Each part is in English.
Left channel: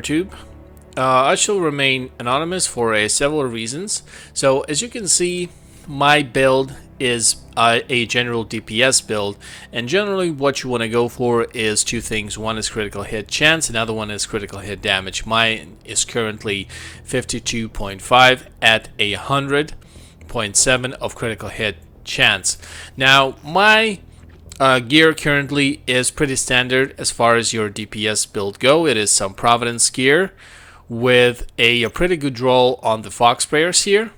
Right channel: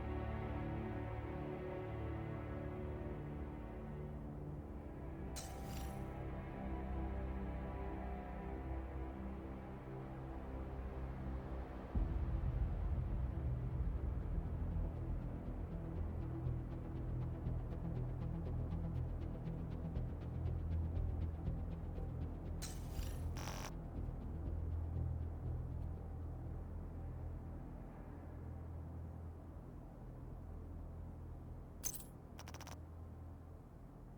YouTube. I shall remain anonymous for several reasons. So as you can see, my build is a general DPS build, and generally what you want to go for is two things. One is critical hit chance, another one is critical hit damage. Mine is currently 52.5 at 100.7 of critical hit chance. Now my gear currently is pretty standard as far as your DPS build go. It is some Providence gear with a pretty good roll on the Fox Prayers here.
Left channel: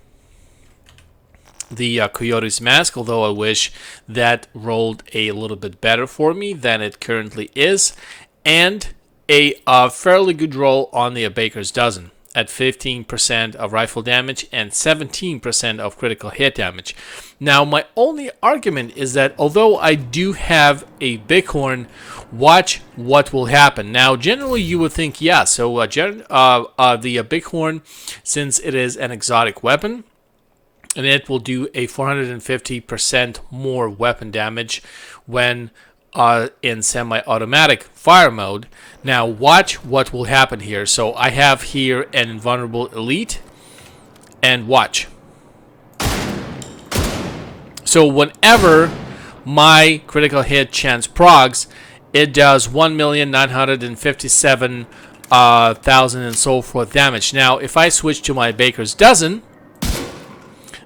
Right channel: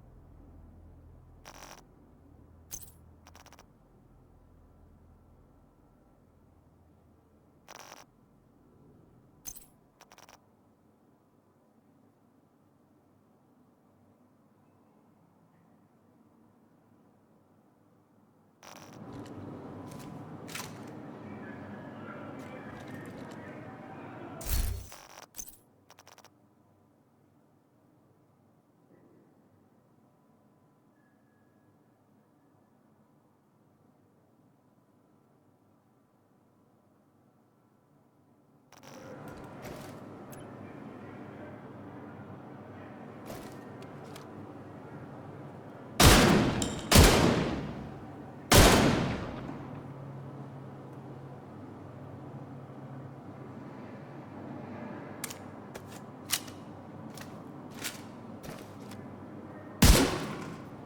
The Coyote's Mask, although I wish that rolled a little bit better for me than it currently is. And a fairly good roll on the Baker's Dozen at 15% of rifle damage and 17% of critical hit damage. Now, my only argument is that although I do have a Bighorn, watch what will happen. Now, generally you would think, yeah, so the Bighorn, since it is an exotic weapon, and it will do a 450% more weapon damage when in semi-automatic fire mode. Now watch what will happen here. So I have here an invulnerable elite, and watch. So whenever my critical hit chance progs, it does 1,957,000 and so forth damage. Now if I switch to my Baker's Dozen,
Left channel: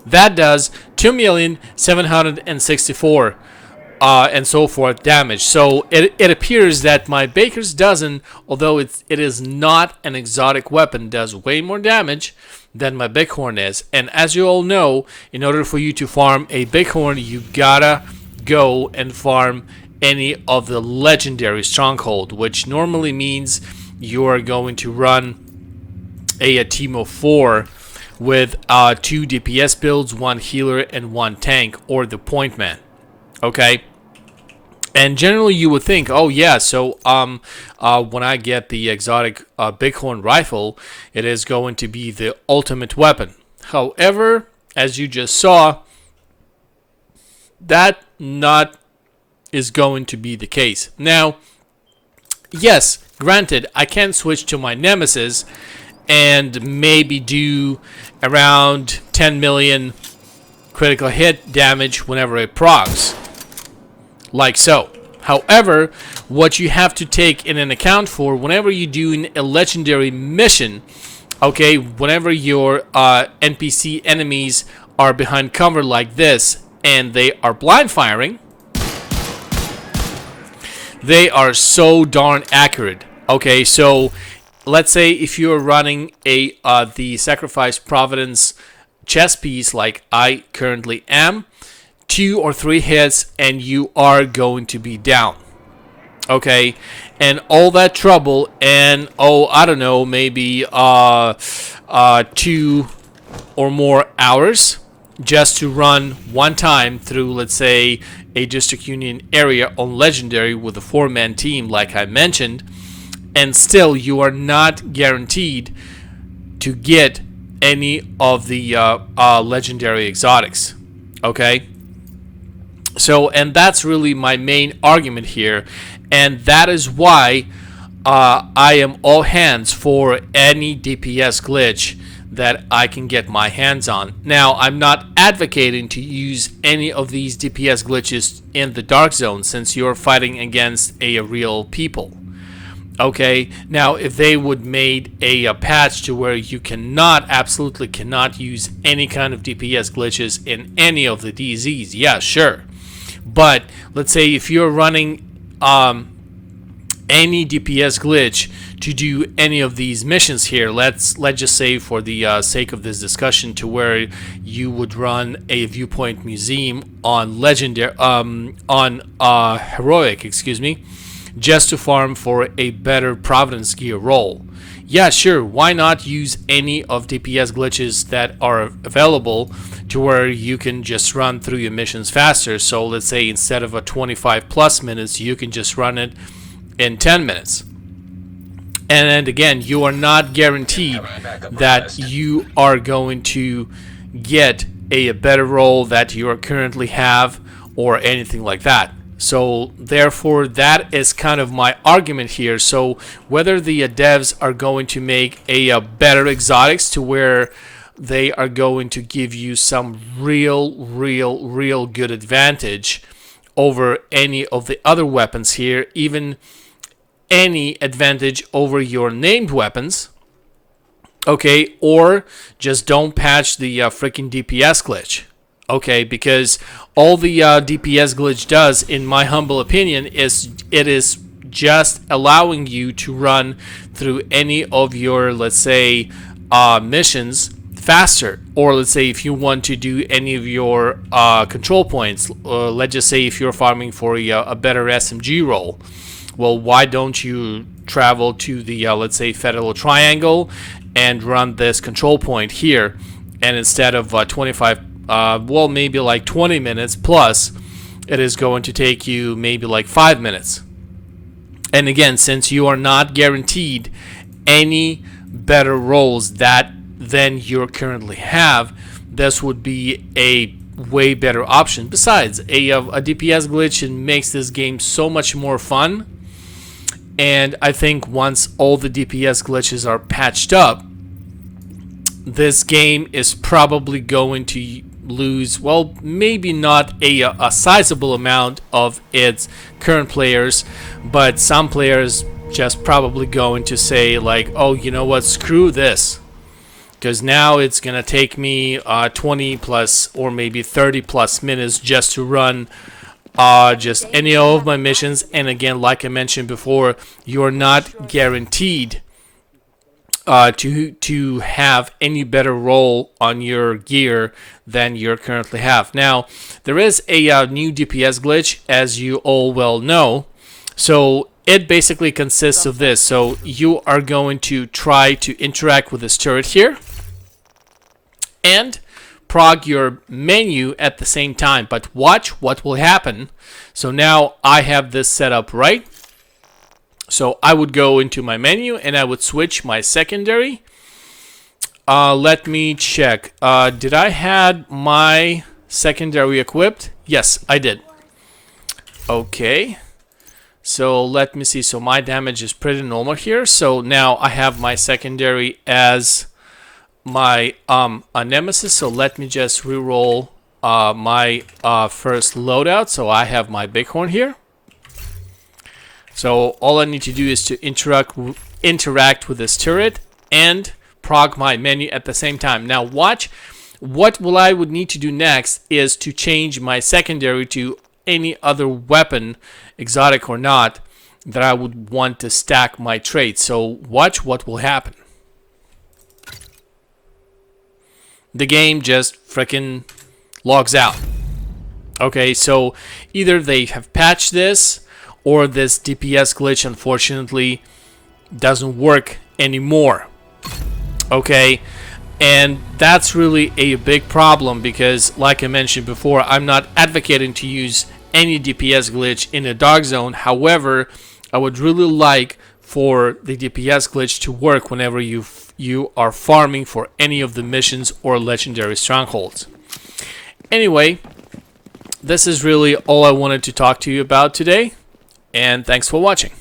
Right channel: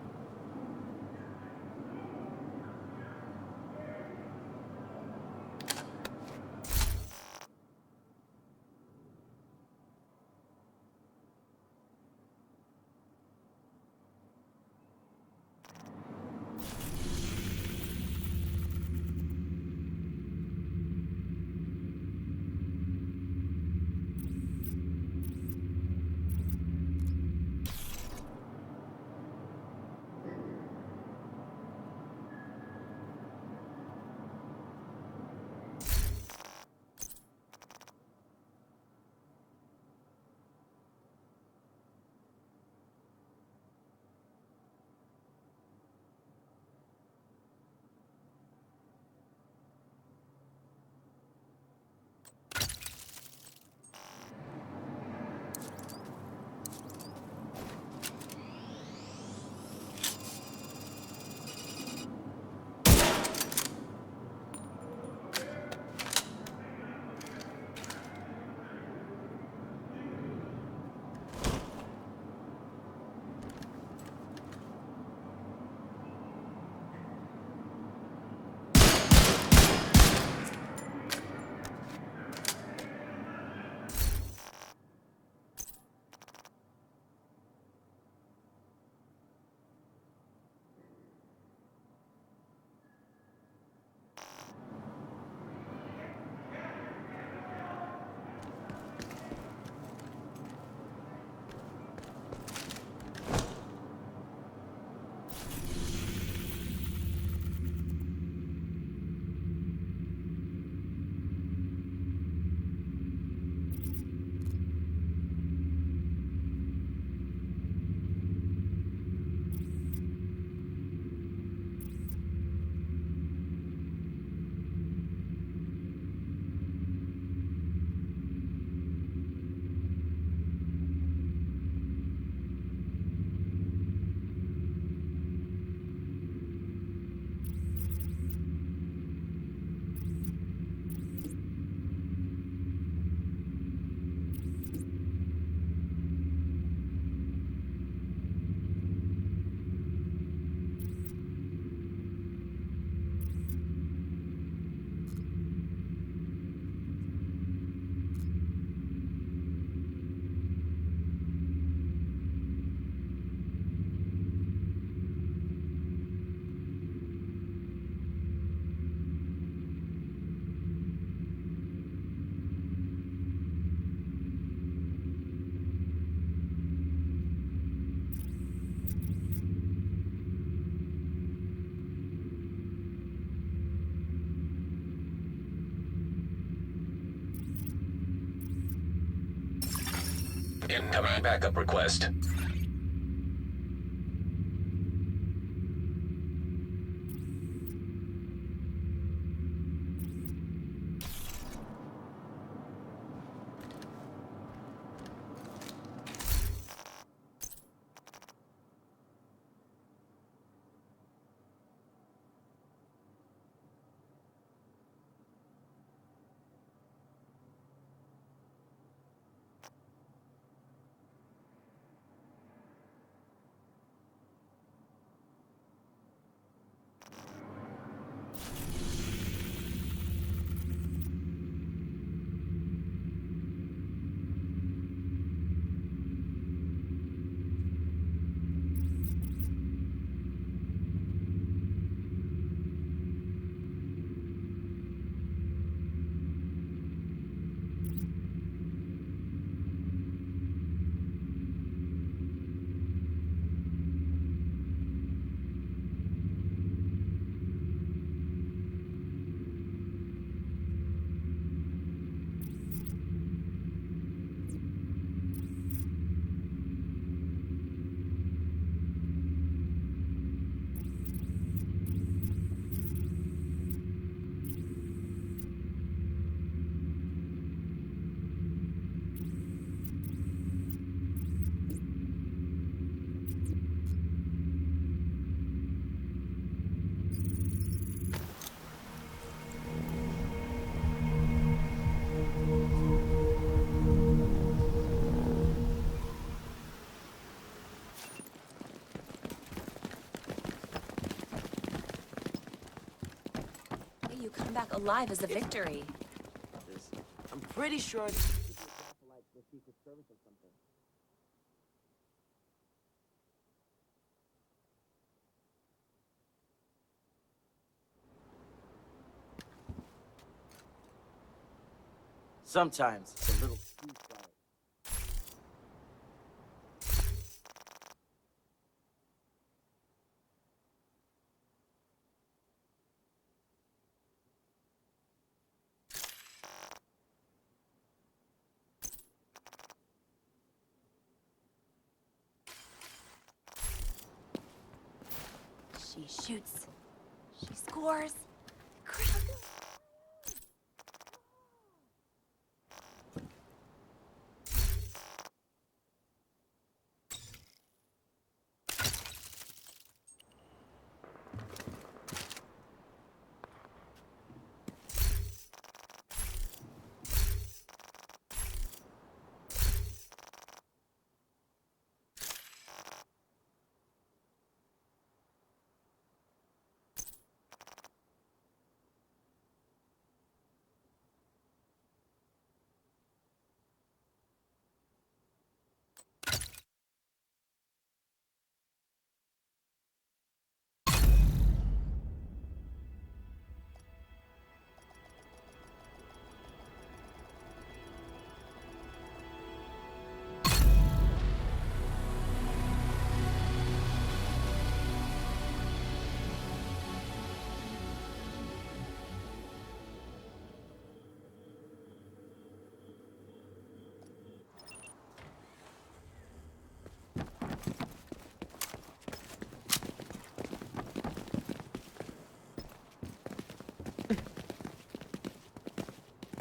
that does 2,764,000 and so forth damage. So it appears that my Baker's Dozen, although it is not an exotic weapon, does way more damage than my Bighorn is. And as you all know, in order for you to farm a Bighorn, you gotta go and farm any of the legendary stronghold, which normally means you are going to run a team of 4 with 2 DPS builds, 1 healer, and 1 tank, or the point man. Okay? And generally you would think, oh yeah, so when I get the exotic Bighorn rifle, it is going to be the ultimate weapon. However, as you just saw, that not is going to be the case. Now, yes, granted, I can switch to my Nemesis and maybe do around 10 million critical hit damage whenever it procs, like so. However, what you have to take in an account for whenever you're doing a legendary mission, okay, whenever your NPC enemies are behind cover like this and they are blind firing, they are so darn accurate. Okay, so let's say if you're running a the Sacrifice Providence chess piece like I currently am, 2 or 3 hits and you are going to be down. Okay, and all that trouble and I don't know, maybe 2 or more hours just to run one time through, let's say, a District Union area on Legendary with a 4-man team like I mentioned, and still you are not guaranteed to get any of the legendary exotics. Okay, so, and that's really my main argument here, and that is why I am all hands for any DPS glitch that I can get my hands on. Now, I'm not advocating to use any of these DPS glitches in the Dark Zone since you're fighting against a real people. Okay, now if they would made a patch to where you absolutely cannot use any kind of DPS glitches in any of the DZs, yeah, sure. But let's say if you're running any DPS glitch to do any of these missions here, let's just say for the sake of this discussion, to where you would run a viewpoint museum on legendary heroic, excuse me, just to farm for a better Providence gear roll. Yeah, sure, why not use any of DPS glitches that are available to where you can just run through your missions faster. So let's say instead of a 25 plus minutes, you can just run it in 10 minutes. And again, you are not guaranteed that you are going to get a better roll that you currently have or anything like that. So therefore, that is kind of my argument here. So whether the devs are going to make a better exotics to where they are going to give you some real good advantage over any of the other weapons here, even any advantage over your named weapons, okay, or just don't patch the freaking DPS glitch, okay, because all the DPS glitch does, in my humble opinion, is it is just allowing you to run through any of your, let's say, missions faster, or let's say if you want to do any of your control points, let's just say if you're farming for a better SMG role, well, why don't you travel to the let's say Federal Triangle and run this control point here, and instead of 25 well, maybe like 20 minutes plus, it is going to take you maybe like 5 minutes. And again, since you are not guaranteed any better roles than you currently have, this would be a way better option. Besides, a DPS glitch, it makes this game so much more fun. And I think once all the DPS glitches are patched up, this game is probably going to lose, well, maybe not a sizable amount of its current players, but some players just probably going to say like, oh, you know what, screw this, because now it's gonna take me 20 plus or maybe 30 plus minutes just to run just any of my missions. And again, like I mentioned before, you're not guaranteed to have any better role on your gear than you currently have. Now, there is a new DPS glitch, as you all well know. So it basically consists of this. So you are going to try to interact with this turret here and prog your menu at the same time. But watch what will happen. So now I have this set up right. So I would go into my menu and I would switch my secondary. Let me check. Did I had my secondary equipped? Yes, I did. Okay. So let me see. So my damage is pretty normal here. So now I have my secondary as my a nemesis. So let me just reroll my first loadout. So I have my bighorn here. So all I need to do is to interact with this turret and prog my menu at the same time. Now watch, what I would need to do next is to change my secondary to any other weapon, exotic or not, that I would want to stack my traits. So watch what will happen. The game just freaking logs out. Okay, so either they have patched this, or this DPS glitch unfortunately doesn't work anymore. Okay, and that's really a big problem, because like I mentioned before, I'm not advocating to use any DPS glitch in a dark zone. However, I would really like for the DPS glitch to work whenever you are farming for any of the missions or legendary strongholds. Anyway, this is really all I wanted to talk to you about today. And thanks for watching.